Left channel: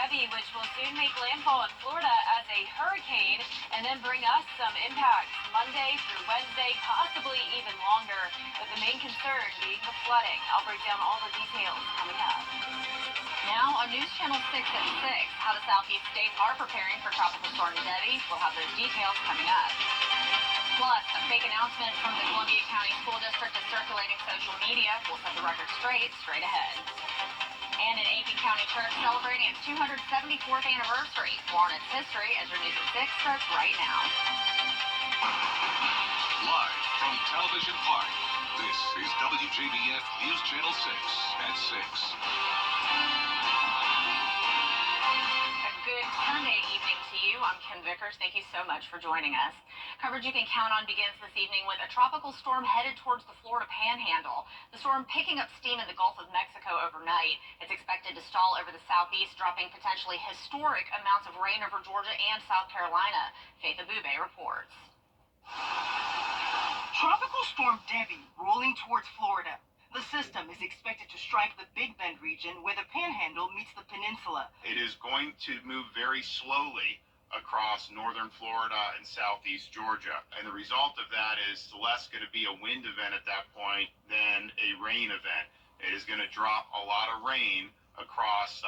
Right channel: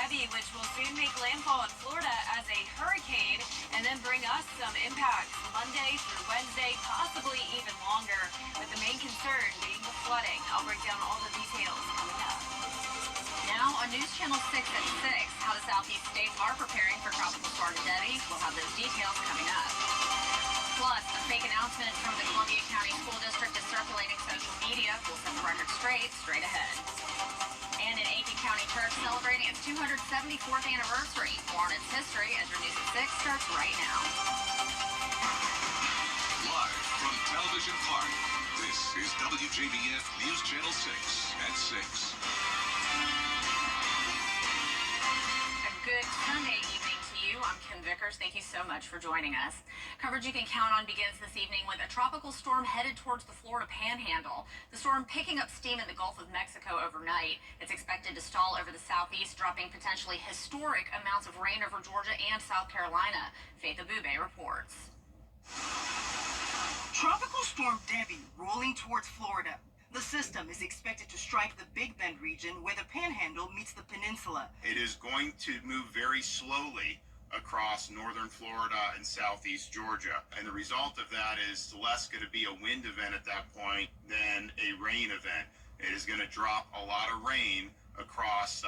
Debbie, which will soon make landfall in Florida as a hurricane and then bring us some impacts Monday through Wednesday, possibly even longer, with the main concern being the flooding. I'll break down all the details coming up. Now on News Channel 6 at 6, how the southeast states are preparing for Tropical Storm Debbie. We'll have those details coming up. Plus, a fake announcement from the Columbia County School District is circulating social media. We'll set the record straight ahead. And an Aiken County church celebrating its 274th anniversary. More on its history as your News at 6 starts right now. Live from Television Park, this is WJBF News Channel 6 at 6. Good Sunday evening to you. I'm Kim Vickers. Thank you so much for joining us. Coverage you can count on begins this evening with a tropical storm headed towards the Florida Panhandle. The storm picking up steam in the Gulf of Mexico overnight. It's expected to stall over the southeast, dropping potentially historic amounts of rain over Georgia and South Carolina. Faith Abube reports. Tropical Storm Debbie rolling towards Florida. The system is expected to strike the Big Bend region where the Panhandle meets the peninsula. It is going to move very slowly across northern Florida and southeast Georgia. And the result of that is less going to be a wind event at that point than a rain event. It is going to drop a lot of rain across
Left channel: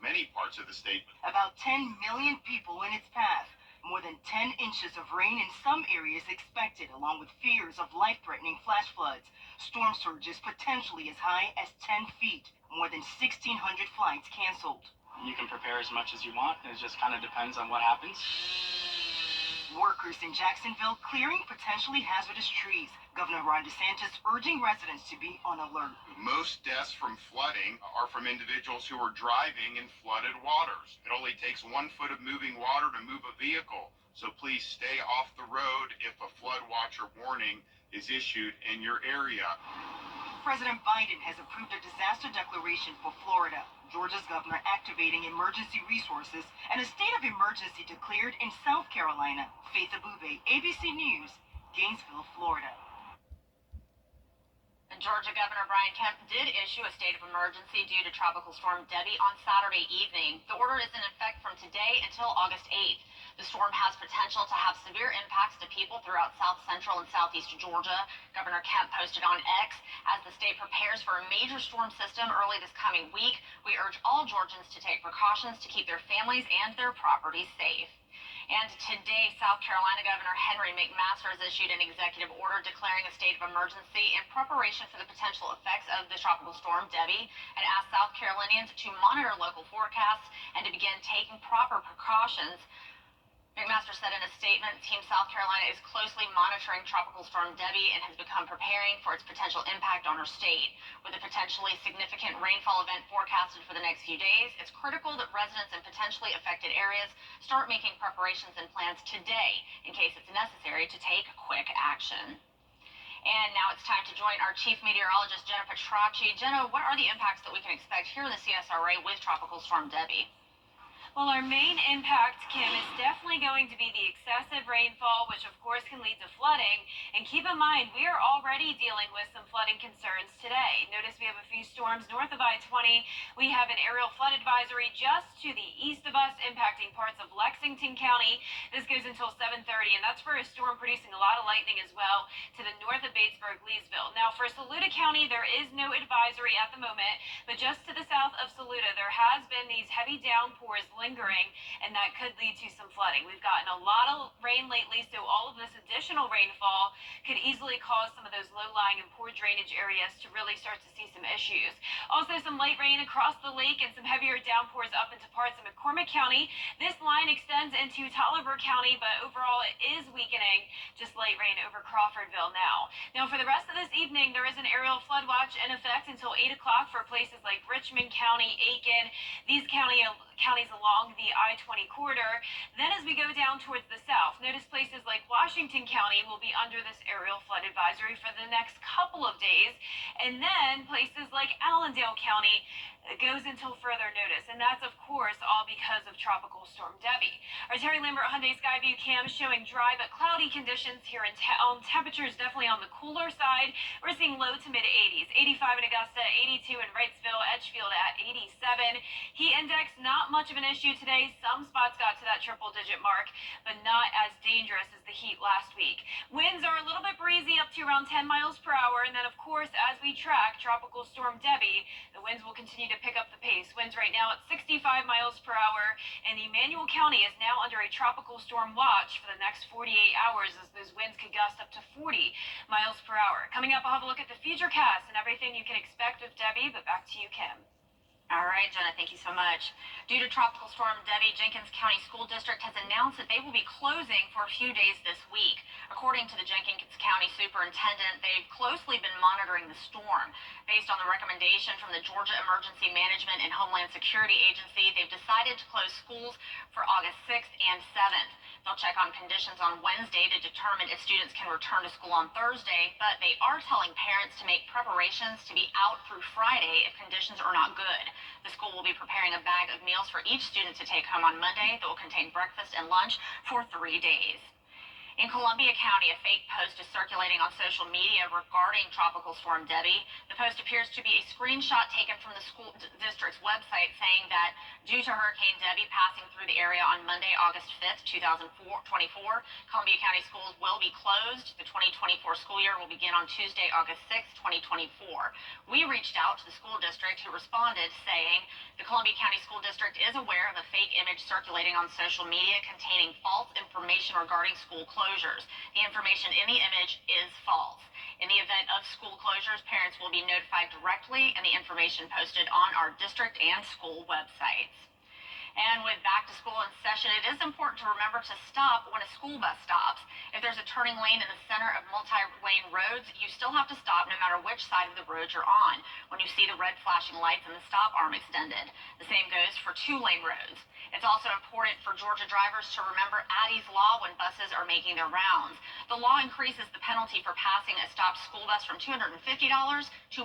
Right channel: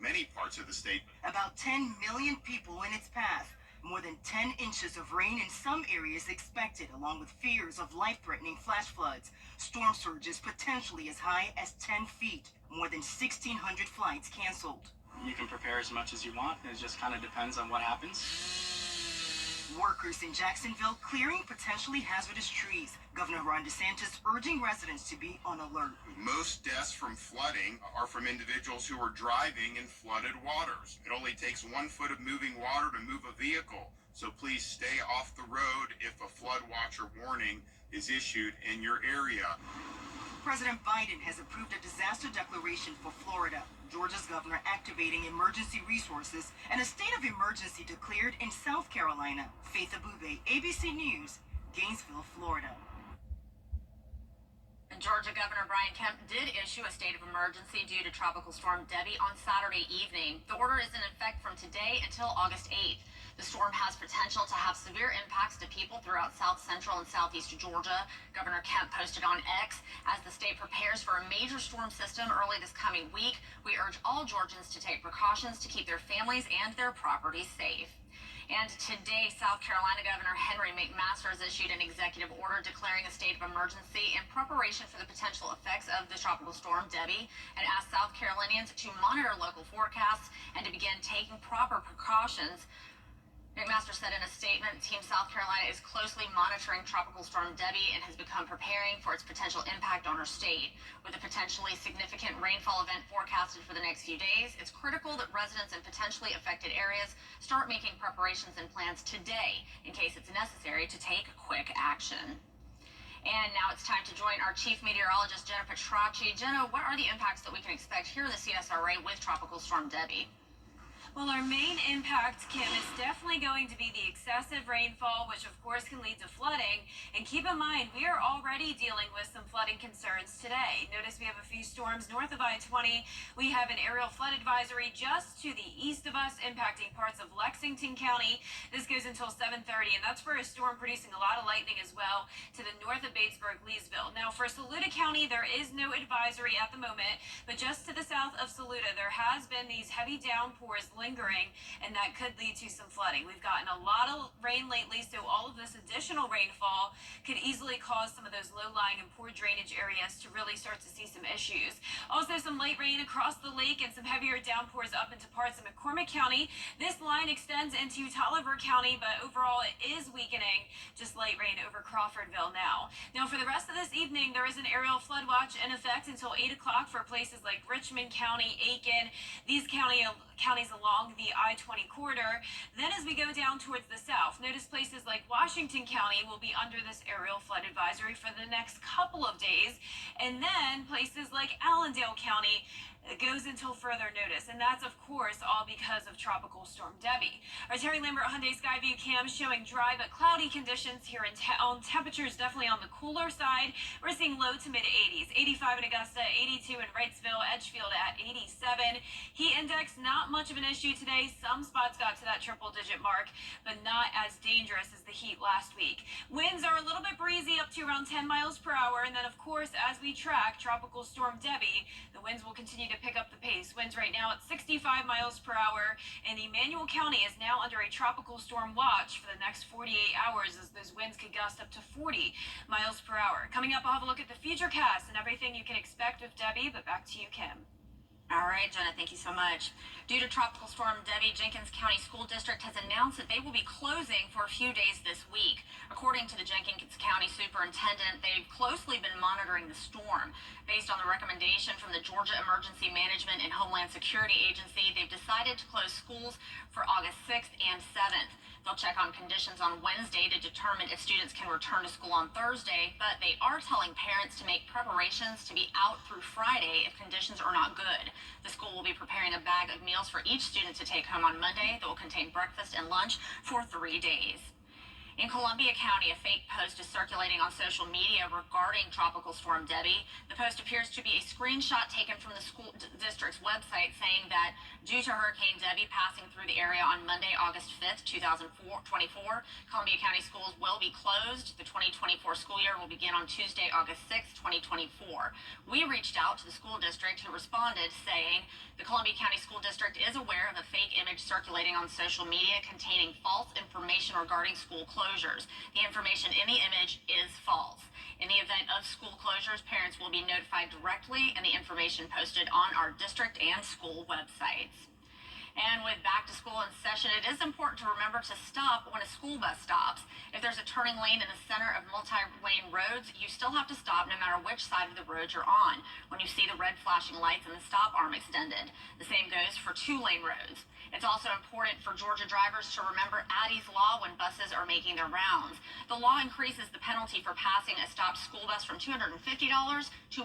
many parts of the state. About 10 million people in its path. More than 10 inches of rain in some areas expected, along with fears of life-threatening flash floods. Storm surges potentially as high as 10 feet. More than 1,600 flights canceled. You can prepare as much as you want. It just kind of depends on what happens. Workers in Jacksonville clearing potentially hazardous trees. Governor Ron DeSantis urging residents to be on alert. Most deaths from flooding are from individuals who are driving in flooded waters. It only takes 1 foot of moving water to move a vehicle. So please stay off the road if a flood watch or warning is issued in your area. President Biden has approved a disaster declaration for Florida. Georgia's governor activating emergency resources, and a state of emergency declared in South Carolina. Faith Abube, ABC News, Gainesville, Florida. And Georgia Governor Brian Kemp did issue a state of emergency due to Tropical Storm Debbie on Saturday evening. The order is in effect from today until August 8th. The storm has potential to have severe impacts to people throughout south central and southeast Georgia. Governor Kemp posted on X, as the state prepares for a major storm system early this coming week, we urge all Georgians to take precautions to keep their families and their property safe. And today, South Carolina Governor Henry McMaster has issued an executive order declaring a state of emergency in preparation for the potential effects of the tropical storm Debbie, and asked South Carolinians to monitor local forecasts and to begin taking proper precautions. McMaster said in a statement, Team South Carolina is closely monitoring Tropical Storm Debbie and has begun preparing for its potential impact on our state. With a potentially significant rainfall event forecasted for the next few days, it's critical that residents in potentially affected areas start making preparations and plans today in case it's necessary to take quick action. And now it's time to join our chief meteorologist, Jenna Petracci. Jenna, what are the impacts that we can expect here in the CSRA with Tropical Storm Debbie? Well, our main impact, Kim, is definitely going to be the excessive rainfall, which of course can lead to flooding. And keep in mind, we are already dealing with some flooding concerns today. Notice we have a few storms north of I-20. We have an aerial flood advisory just to the east of us, impacting parts of Lexington County. This goes until 7:30, and that's for a storm producing a lot of lightning as well to the north of Batesburg, Leesville. Now, for Saluda County, there is no advisory at the moment, but just to the south of Saluda, there has been these heavy downpours lingering, and that could lead to some flooding. We've gotten a lot of rain lately, so all of this additional rainfall could easily cause some of those low-lying and poor drainage areas to really start to see some issues. Also, some light rain across the lake and some heavier downpours up into parts of McCormick County. This line extends into Tolliver County, but overall it is weakening. Just light rain over Crawfordville now. Now, for the rest of this evening, there is an aerial flood watch in effect until 8 o'clock for places like Richmond County, Aiken, these counties along the I-20 corridor. Then as we go down towards the south, notice places like Washington County will be under this aerial flood advisory for the next couple of days. And then places like Allendale County, goes until further notice, and that's of course all because of Tropical Storm Debbie. Our Terry Lambert Hyundai Skyview cam showing dry but cloudy conditions here in town. Temperatures definitely on the cooler side. We're seeing low to mid 80s, 85 in Augusta, 82 in Wrightsville, Edgefield at 87. Heat index not much of an issue today. Some spots got to that triple-digit mark, but not as dangerous as the heat last week. Winds are a little bit breezy, up to around 10 miles per hour, and then of course as we track Tropical Storm Debbie, the winds will continue to pick up the pace. Winds right now at 65 miles per hour, and Emmanuel County is now under a tropical storm watch for the next 48 hours as those winds could gust up to 40 miles per hour. Coming up, I'll have a look at the futurecast and everything you can expect with Debbie, but back to you, Kim. All right, Jenna, thank you so much. Due to Tropical Storm Debbie, Jenkins County School District has announced that they will be closing for a few days this week. According to the Jenkins County Superintendent, they've closely been monitoring the storm. Based on the recommendation from the Georgia Emergency Management and Homeland Security Agency, they've decided to close schools for August 6th and 7th. They'll check on conditions on Wednesday to determine if students can return to school on Thursday, but they are telling parents to make preparations to be out through Friday if conditions are not good. The school will be preparing a bag of meals for each student to take home on Monday that will contain breakfast and lunch for 3 days. In Columbia County, a fake post is circulating on social media regarding Tropical Storm Debbie. The post appears to be a screenshot taken from the school district's website saying that due to Hurricane Debbie passing through the area on Monday, August 5th, 2024, Columbia County schools will be closed. The 2024 school year will begin on Tuesday, August 6th, 2024. We reached out to the school district who responded saying the Columbia County School District is aware of a fake image circulating on social media containing false information regarding school closures. The information in the image is false. In the event of school closures, parents will be notified directly and the information posted on our district and school websites. And with back to school in session, it is important to remember to stop when a school bus stops. If there's a turning lane in the center of multi-lane roads, you still have to stop no matter which side of the road you're on when you see the red flashing lights and the stop arm extended. The same goes for two-lane roads. It's also important for Georgia drivers to remember Addie's Law when buses are making their rounds. The law increases the penalty for passing a stopped school bus from $250 to $1,000.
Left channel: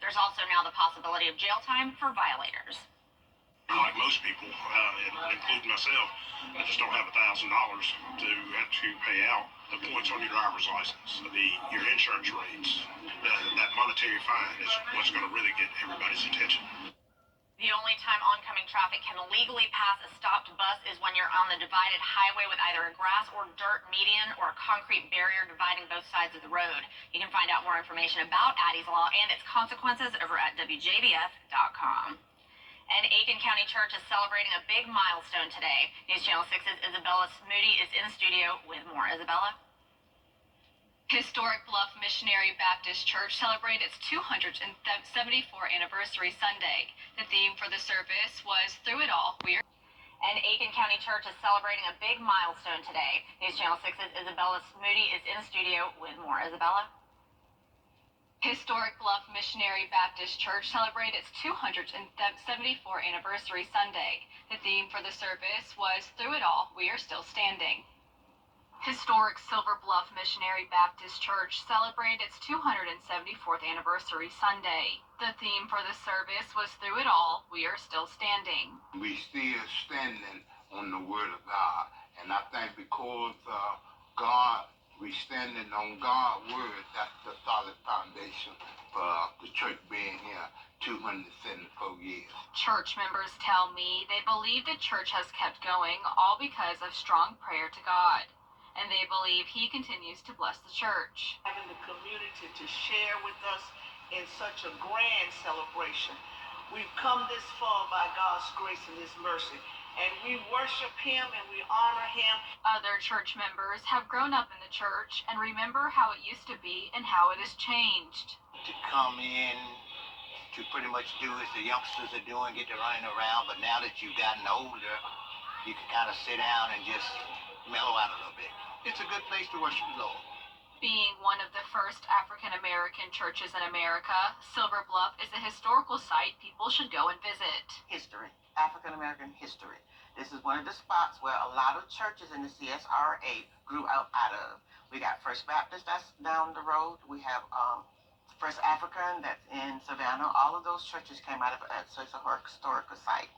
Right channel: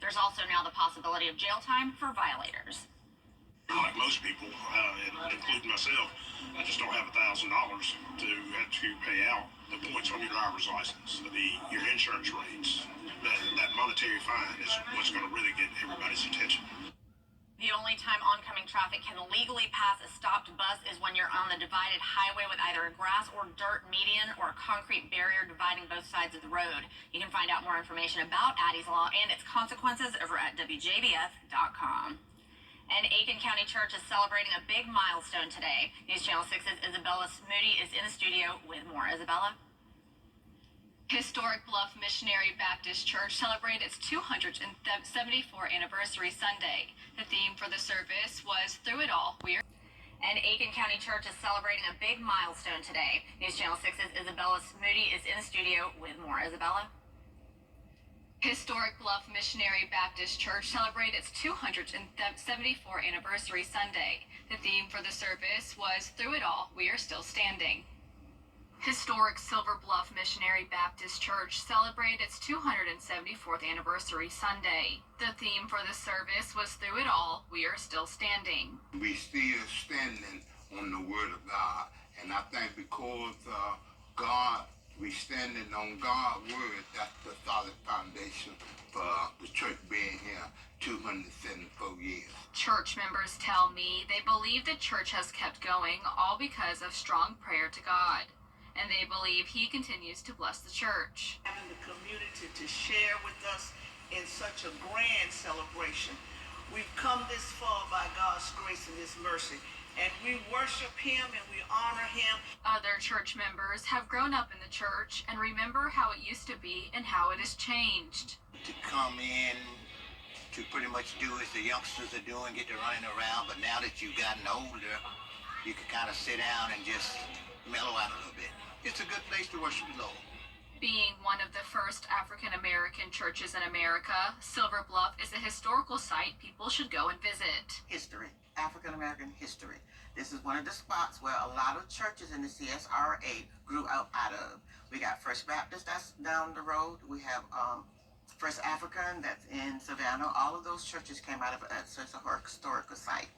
There's also now the possibility of jail time for violators. Like most people, including myself, I just don't have $1,000 to have to pay out the points on your driver's license, your insurance rates. That monetary fine is what's going to really get everybody's attention. The only time oncoming traffic can legally pass a stopped bus is when you're on the divided highway with either a grass or dirt median or a concrete barrier dividing both sides of the road. You can find out more information about Addie's Law and its consequences over at WJBF.com. And Aiken County Church is celebrating a big milestone today. News Channel 6's Isabella Moody is in the studio with more. Isabella? Historic Bluff Missionary Baptist Church celebrated its 274th anniversary Sunday. The theme for the service was Through It All, We're... And Aiken County Church is celebrating a big milestone today. News Channel 6's Isabella Moody is in the studio with more. Isabella? Historic Bluff Missionary Baptist Church celebrated its 274th anniversary Sunday. The theme for the service was Through It All, We Are Still Standing. Historic Silver Bluff Missionary Baptist Church celebrated its 274th anniversary Sunday. The theme for the service was Through It All, We Are Still Standing. We still standing on the Word of God, and I think because God, we standing on God's word. That's the solid foundation for the church being here 274 years. Church members tell me they believe the church has kept going all because of strong prayer to God, and they believe He continues to bless the church. Having the community to share with us in such a grand celebration. We've come this far by God's grace and His mercy. And we worship Him and we honor Him. Other church members have grown up in the church and remember how it used to be and how it has changed. To come in, to pretty much do as the youngsters are doing, get to running around, but now that you've gotten older, you can kind of sit down and just mellow out a little bit. It's a good place to worship the Lord. Being one of the first African-American churches in America, Silver Bluff is a historical site people should go and visit. History. African-American history. This is one of the spots where a lot of churches in the CSRA grew out of. We got First Baptist, that's down the road. We have First African that's in Savannah. All of those churches came out of it, so it's a historical site.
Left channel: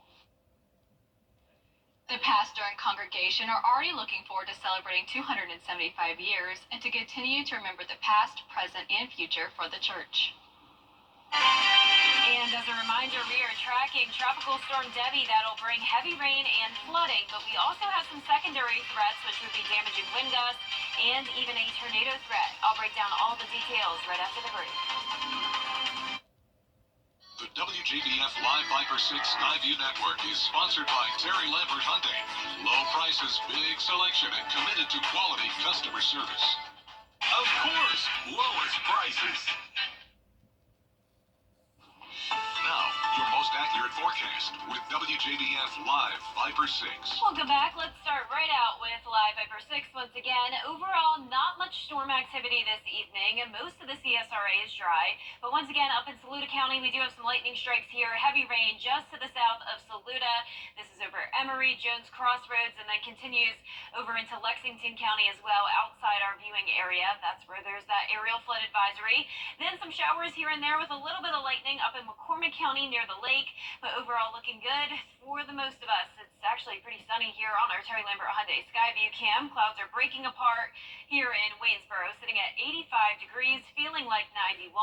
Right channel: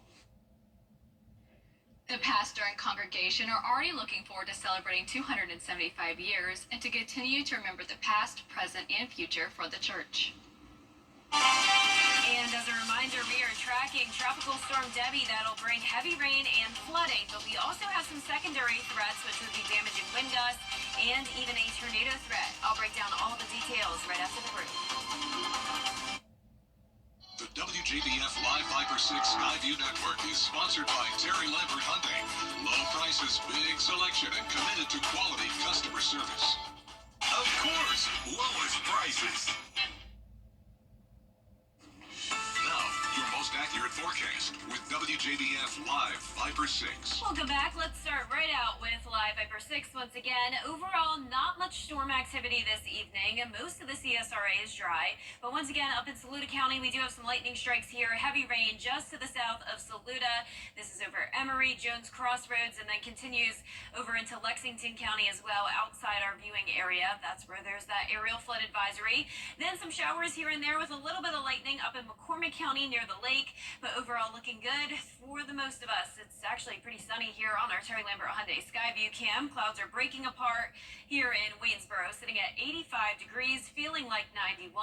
The pastor and congregation are already looking forward to celebrating 275 years and to continue to remember the past, present, and future for the church. And as a reminder, we are tracking Tropical Storm Debbie that'll bring heavy rain and flooding, but we also have some secondary threats, which would be damaging wind gusts and even a tornado threat. I'll break down all the details right after the break. The WJBF Live Viper 6 Skyview Network is sponsored by Terry Lambert Hyundai. Low prices, big selection, and committed to quality customer service. Of course, lowest prices. Now, your most accurate forecast with WJBF Live Viper 6. Welcome back. Let's start right out with Live Viper 6 once again. Overall, not much storm activity this evening. Most of the CSRA is dry. But once again, up in Saluda County, we do have some lightning strikes here. Heavy rain just to the south of Saluda. This is over Emory, Jones Crossroads, and then continues over into Lexington County as well, outside our viewing area. That's where there's that aerial flood advisory. Then some showers here and there with a little bit of lightning up in McCormick County near the lake, but overall looking good for the most of us. It's actually pretty sunny here on our Terry Lambert Hyundai Skyview cam. Clouds are breaking apart here in Waynesboro, sitting at 85 degrees, feeling like 91.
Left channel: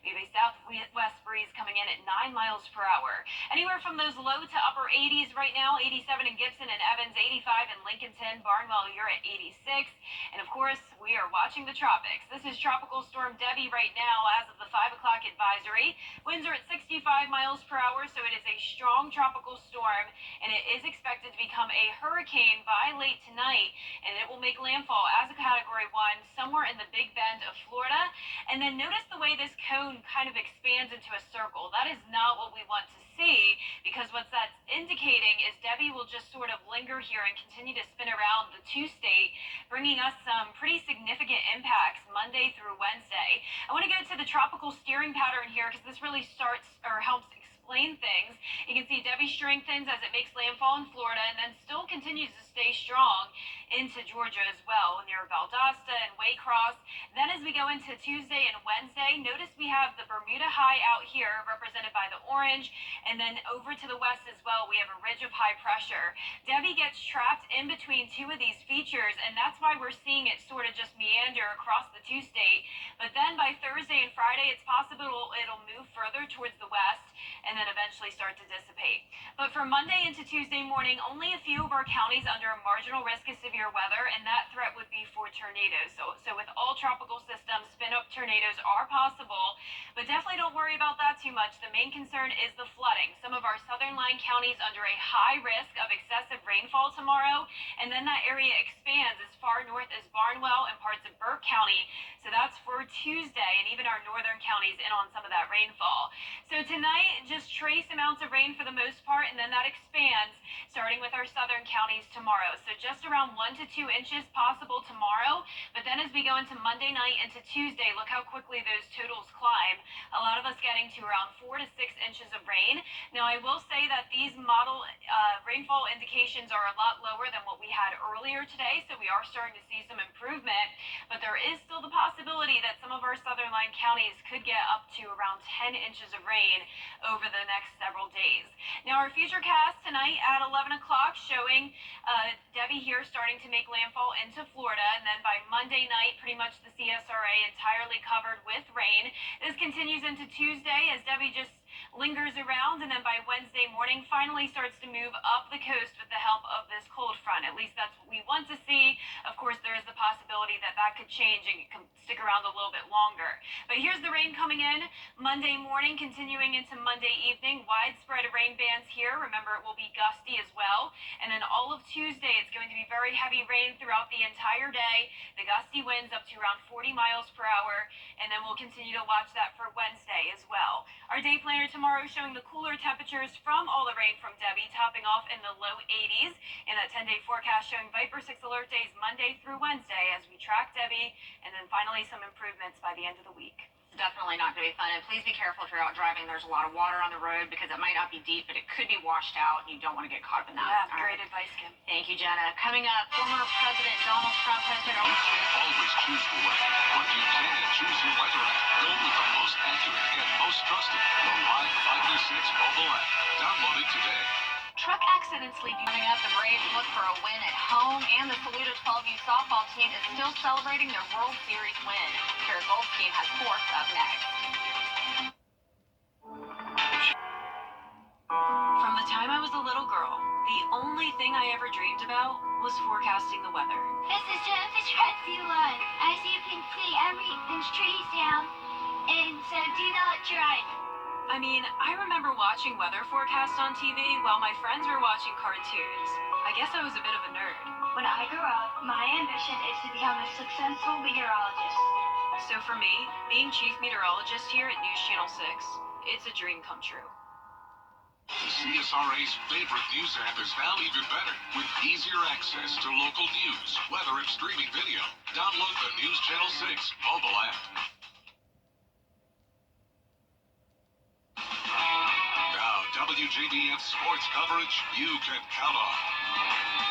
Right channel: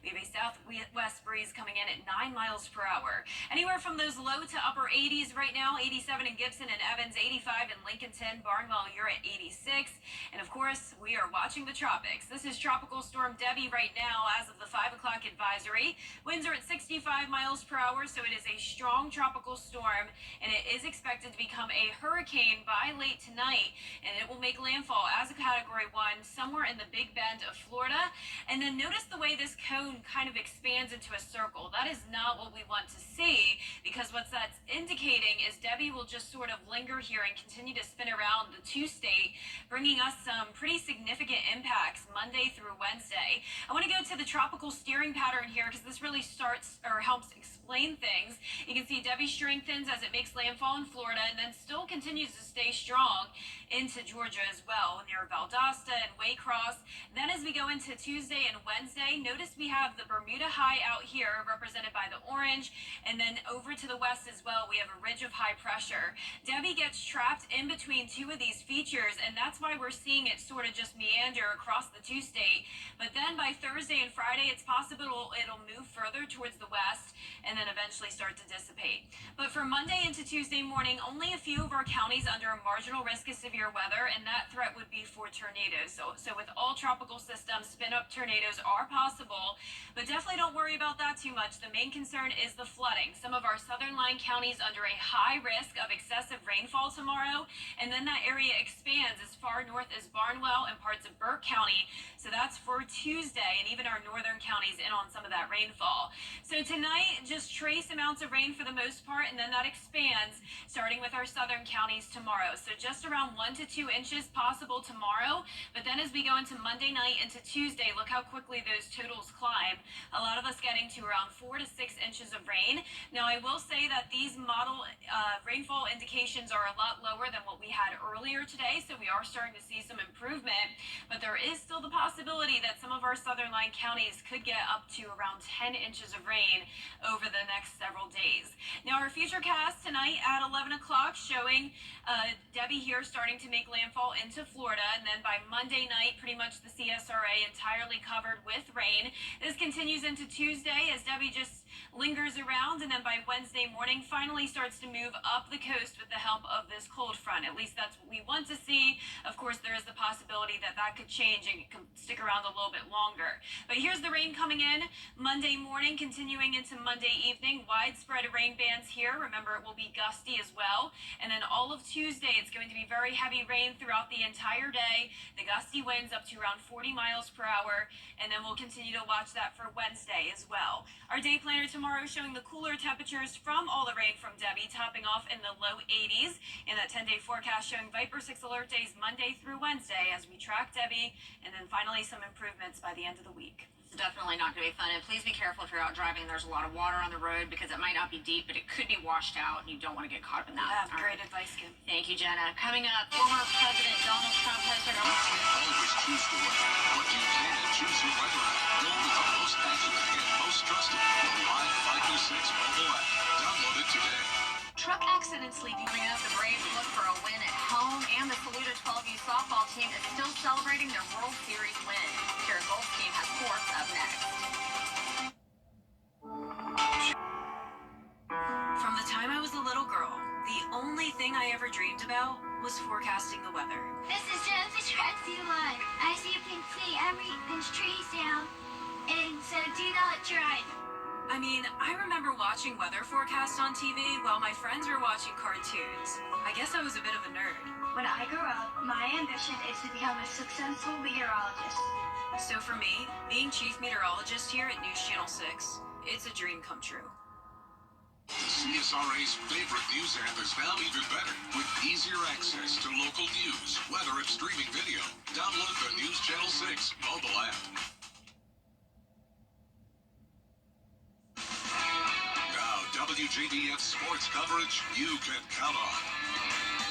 We have a southwest breeze coming in at 9 miles per hour. Anywhere from those low to upper 80s right now, 87 in Gibson and Evans, 85 in Lincolnton. Barnwell, you're at 86. And of course, we are watching the tropics. This is Tropical Storm Debbie right now as of the 5 o'clock advisory. Winds are at 65 miles per hour, so it is a strong tropical storm, and it is expected to become a hurricane by late tonight, and it will make landfall as a Category 1 somewhere in the Big Bend of Florida. And then notice the way this cone kind of expands into a circle. That is not what we want to see, because what that's indicating is Debbie will just sort of linger here and continue to spin around the two-state, bringing us some pretty significant impacts Monday through Wednesday. I want to go to the tropical steering pattern here because this really starts or helps explain things. You can see Debbie strengthens as it makes landfall in Florida and then still continues to stay strong into Georgia as well, near Valdosta and Waycross. Then as we go into Tuesday and Wednesday, notice we have the Bermuda High out here represented by the orange, and then over to the west as well, we have a ridge of high pressure. Debbie gets trapped in between two of these features, and that's why we're seeing it sort of just meander across the two-state. But then by Thursday and Friday, it's possible it'll move further towards the west and then eventually start to dissipate. But for Monday into Tuesday morning, only a few of our counties under a marginal risk of severe weather, and that threat would be for tornadoes. So with all tropical systems, spin-up tornadoes are possible, but definitely don't worry about that too much. The main concern is the flooding. Some of our southern line counties under a high risk of excessive rainfall tomorrow, and then that area expands as far north as Barnwell and parts of Burke County. So that's for Tuesday, and even our northern counties in on some of that rainfall. So tonight, just trace amounts of rain for the most part, and then that expands, starting with our southern counties tomorrow. So just around 1 to 2 inches possible tomorrow, but then as we go into Monday night into Tuesday, look how quickly those totals climb. A lot of us getting to around 4 to 6 inches of rain. Now, I will say that these model rainfall indications are a lot lower than what we had earlier today, so we are starting to see some improvement, but there is still the possibility that some of our southern line counties could get up to around 10 inches of rain over the next several days. Now, our futurecast tonight at 11 o'clock showing Debbie here starting to make landfall into Florida, and then by Monday night, pretty much the CSRA entirely covered with rain. This continues into Tuesday as Debbie just lingers around, and then by Wednesday morning finally starts to move up the coast with the help of this cold front. At least that's what we want to see. Of course, there is the possibility that that could change and it could stick around a little bit longer. But here's the rain coming in Monday morning, continuing into Monday evening. Widespread rain bands here. Remember, it will be gusty as well. And then all of Tuesday, it's going to be very heavy rain throughout the entire day. The gusty winds up to around 40 miles per hour. And then we'll continue to watch that for Wednesday as well. Our day planner tomorrow showing the cooler temperatures from all the rain from Debbie, topping off in the low 80s. And that 10-day forecast showing Viper 6 alert days Monday through Wednesday as we track Debbie, and then finally some improvements by the end of the week. definitely not going to be fun. And please be careful if you're out driving. There's a lot of water on the road because it might not be deep, but it could be washed out, and you don't want to get caught up in that. Yeah, great advice, Kim. Thank you, Jenna. Coming up, former President Donald Trump has been You can't always choose the weather, but you can choose your weather app. Go with the most accurate and most trusted, the Live Fighter 6 mobile app. Download it today. Truck accidents leaving up. The Braves look for a win at home, and the Saluda 12U softball team is still celebrating their World Series win. Kara Goldstein has sports up next. From the time I was a little girl, the only thing I ever dreamed about was forecasting the weather. This is Jennifer Stratzy-Lund. As you can see, everything's trees down, and so do not drive. I mean, I remember watching weather forecasts on TV while my friends were watching cartoons. I guess I was a bit of a nerd. When I grow up, my ambition is to become a successful meteorologist. So for me, being chief meteorologist here at News Channel 6, it's a dream come true. The CSRA's favorite news app is now even better with easier access to local news, weather, and streaming video. Download the News Channel 6 mobile app. Now, WJBF sports coverage you can count on.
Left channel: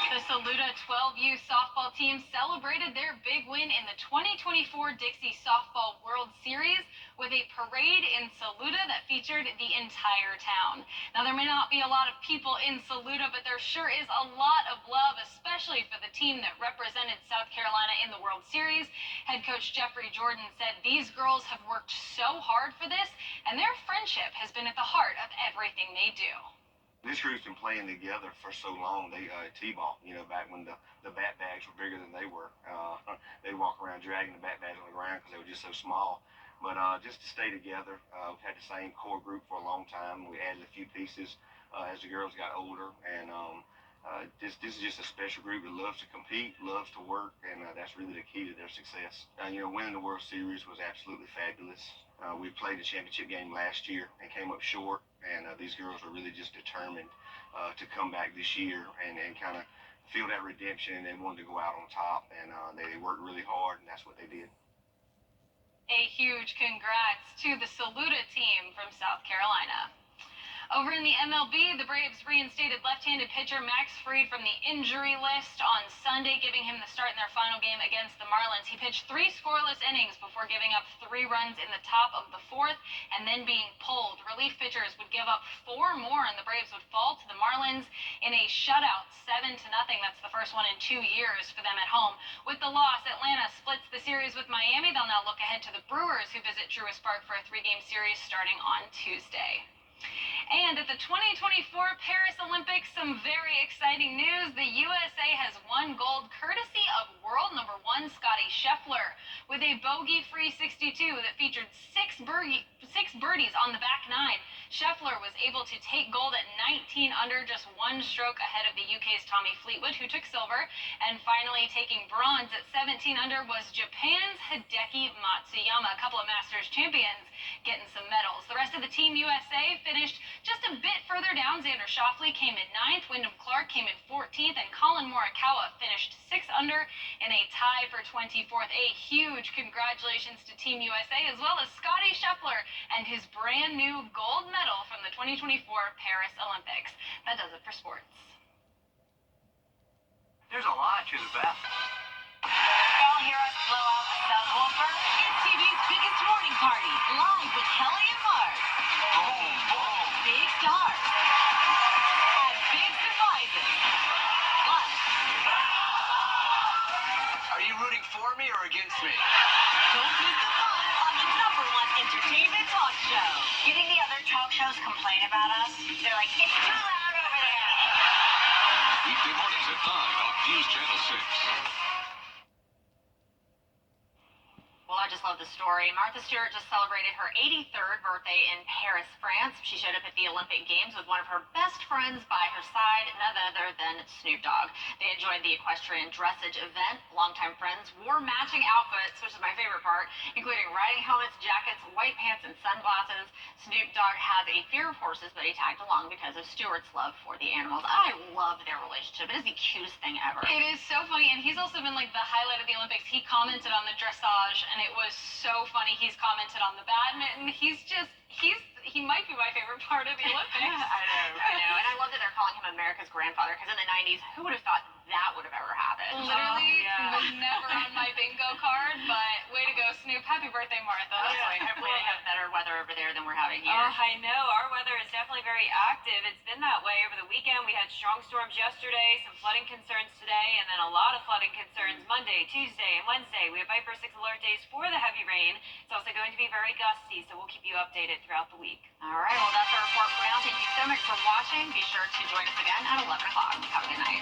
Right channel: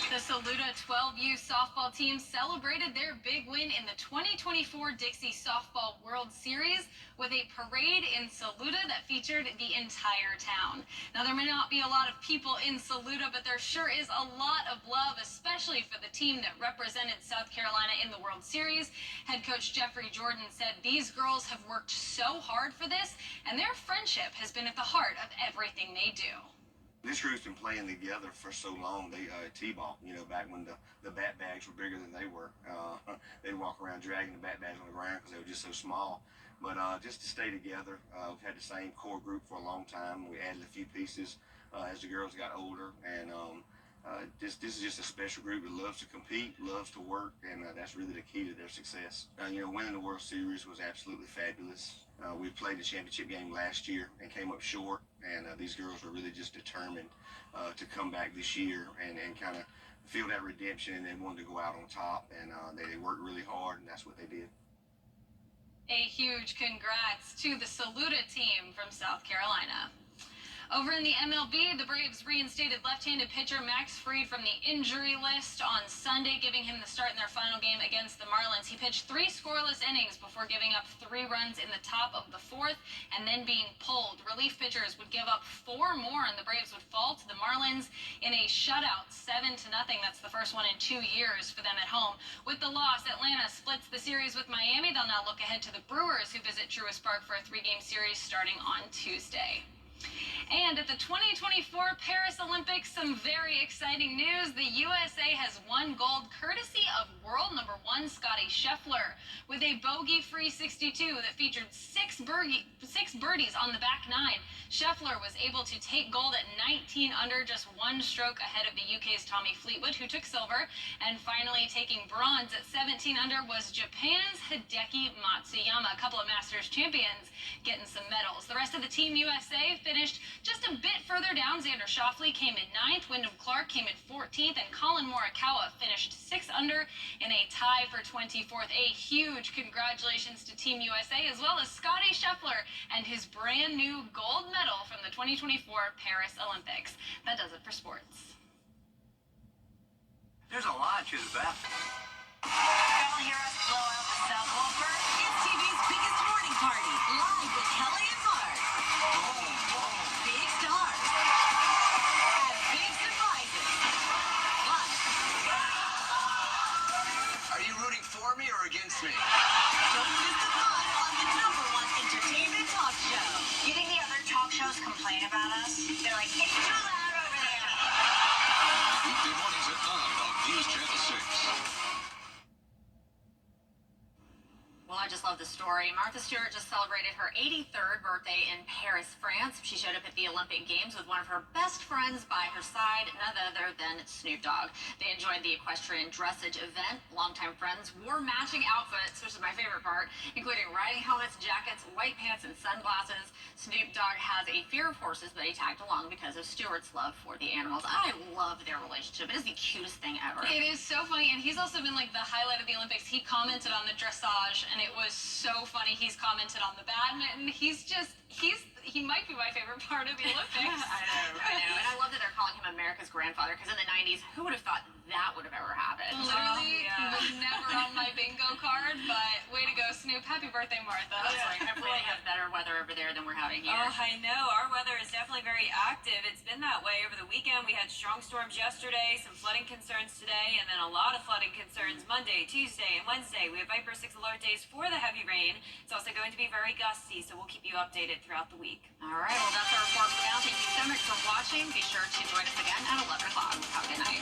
The Saluda 12U softball team celebrated their big win in the 2024 Dixie Softball World Series with a parade in Saluda that featured the entire town. Now, there may not be a lot of people in Saluda, but there sure is a lot of love, especially for the team that represented South Carolina in the World Series. Head coach Jeffrey Jordan said these girls have worked so hard for this, and their friendship has been at the heart of everything they do. This group's been playing together for so long. They T-ball, back when the bat bags were bigger than they were. They'd walk around dragging the bat bags on the ground because they were just so small. But just to stay together, we've had the same core group for a long time. We added a few pieces as the girls got older, and this is just a special group that loves to compete, loves to work, and that's really the key to their success. Winning the World Series was absolutely fabulous. We played the championship game last year and came up short, and these girls were really just determined to come back this year and kind of feel that redemption, and they wanted to go out on top, and they worked really hard, and that's what they did. A huge congrats to the Saluda team from South Carolina. Over in the MLB, the Braves reinstated left-handed pitcher Max Fried from the injury list on Sunday, giving him the start in their final game against the Marlins. He pitched 3 scoreless innings before giving up 3 runs in the top of the 4th and then being pulled. Relief pitchers would give up 4 more, and the Braves would fall to the Marlins in a shutout, 7-0. That's the first one in 2 years for them at home. With the loss, Atlanta splits the series with Miami. They'll now look ahead to the Brewers, who visit Truist Park for a 3-game series starting on Tuesday. And at the 2024 Paris Olympics, some very exciting news. The USA has won gold courtesy of world number 1 Scotty Scheffler with a bogey-free 62 that featured 6 birdies on the back 9. Scheffler was able to take gold at 19 under, just 1 stroke ahead of the UK's Tommy Fleetwood, who took silver. And finally taking bronze at 17 under was Japan's Hideki Matsuyama, a couple of Masters champions getting some medals. The rest of the Team USA finished just a bit further down. Xander Schauffele came in 9th, Wyndham Clark came in 14th, and Colin Morikawa finished 6 under in a tie for 24th. A huge congratulations to Team USA, as well as Scotty Scheffler and his brand new gold medal from the 2024 Paris Olympics. That does it for sports. There's a lot to the best. Y'all hear us blow out the subwoofer? It's TV's biggest morning party, live with Kelly and Mark. Big stars and big surprises. Plus, Are you rooting for me or against me? don't miss the fun on the #1 entertainment talk show. You think the other talk shows complain about us? They're like, it's too loud over there. Weekday mornings at 9 on News Channel 6. Well, I just love the story. Martha Stewart just celebrated her 83rd birthday in Paris, France. She showed up at the Olympic Games with one of her best friends by her side, none none other than Snoop Dogg. They enjoyed the equestrian dressage event. Longtime friends wore matching outfits, which is my favorite part, including riding helmets, jackets, white pants, and sunglasses. Snoop Dogg has a fear of horses, but he tagged along because of Stewart's love for the animals. I love their relationship. It is the cutest thing ever. It is so funny, and he's also been like the highlight of the Olympics. He commented on the dressage, and it was so funny. He's commented on the badminton. He might be my favorite part of the Olympics. I know. And I love that they're calling him America's grandfather, because in the 90s, who would have thought that would have ever happened? Literally was never on my bingo card, but way to go, Snoop. Happy birthday, Martha. Hopefully they have better weather over there than we're having here. Oh, I know. Our weather is definitely very active. It's been that way over the weekend. We had strong storms yesterday, some flooding concerns today, and then a lot of flooding concerns Monday, Tuesday, and Wednesday. We have Viper 6 alert days for the heavy rain. It's also going to be very gusty, so we'll keep you updated throughout the week. All right, well, that's our report for now. Thank you so much for watching. Be sure to join us again at 11 o'clock. Have a good night.